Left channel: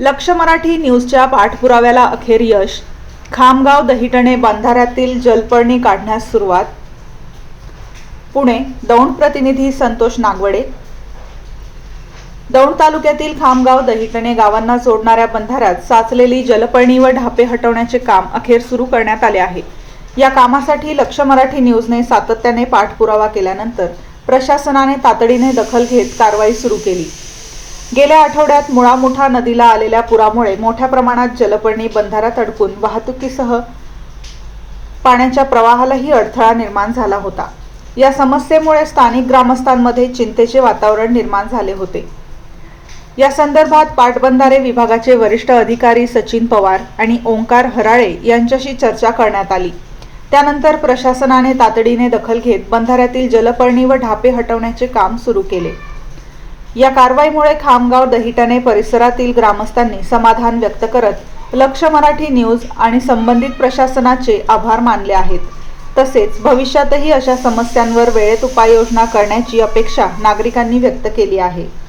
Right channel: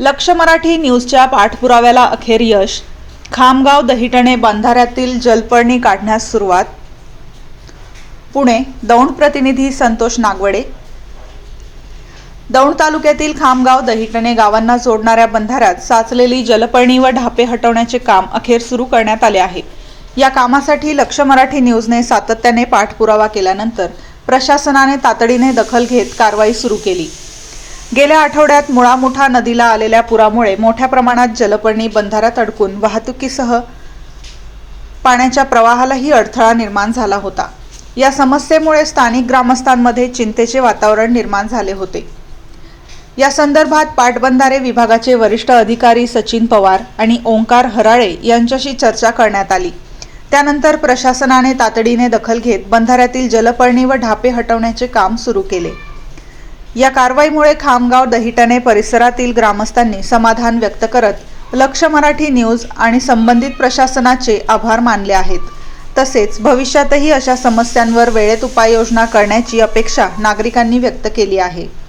लक्ष मराठी न्यूजच्या पाठपुराव्याला अखेर यश. खामगाव दहिटणे बंधाऱ्यातील जलपर्णी काढण्यास सुरुवात. पुणे. दौंड प्रतिनिधी संतोष नागवडे. दौंड तालुक्यातील खामगाव दहिटणे गावांना जोडणाऱ्या बंधाऱ्यात साचलेली जलपर्णी व ढापे हटवण्याचे काम अखेर सुरू करण्यात आले आहे. या कामासाठी लक्ष मराठी न्यूजने सातत्याने पाठपुरावा केल्यानंतर प्रशासनाने तातडीने दखल घेत कारवाई सुरू केली. गेल्या आठवड्यात मुळा-मुठा नदीला आलेल्या पुरामुळे मोठ्या प्रमाणात जलपर्णी बंधाऱ्यात अडकून वाहतुकीसह पाण्याच्या प्रवाहालाही अडथळा निर्माण झाला होता. या समस्येमुळे स्थानिक ग्रामस्थांमध्ये चिंतेचे वातावरण निर्माण झाले होते. या संदर्भात पाटबंधारे विभागाचे वरिष्ठ अधिकारी सचिन पवार आणि ओंकार हराळे यांच्याशी चर्चा करण्यात आली. त्यानंतर प्रशासनाने तातडीने दखल घेत बंधाऱ्यातील जलपर्णी व ढापे हटवण्याचे काम सुरू केले. या कारवाईमुळे खामगाव दहिटणे परिसरातील ग्रामस्थांनी समाधान व्यक्त करत लक्ष मराठी न्यूज आणि संबंधित प्रशासनाचे आभार मानले आहेत. तसेच भविष्यातही अशा समस्यांवर वेळेत उपाययोजना करण्याची अपेक्षा नागरिकांनी व्यक्त केली आहे.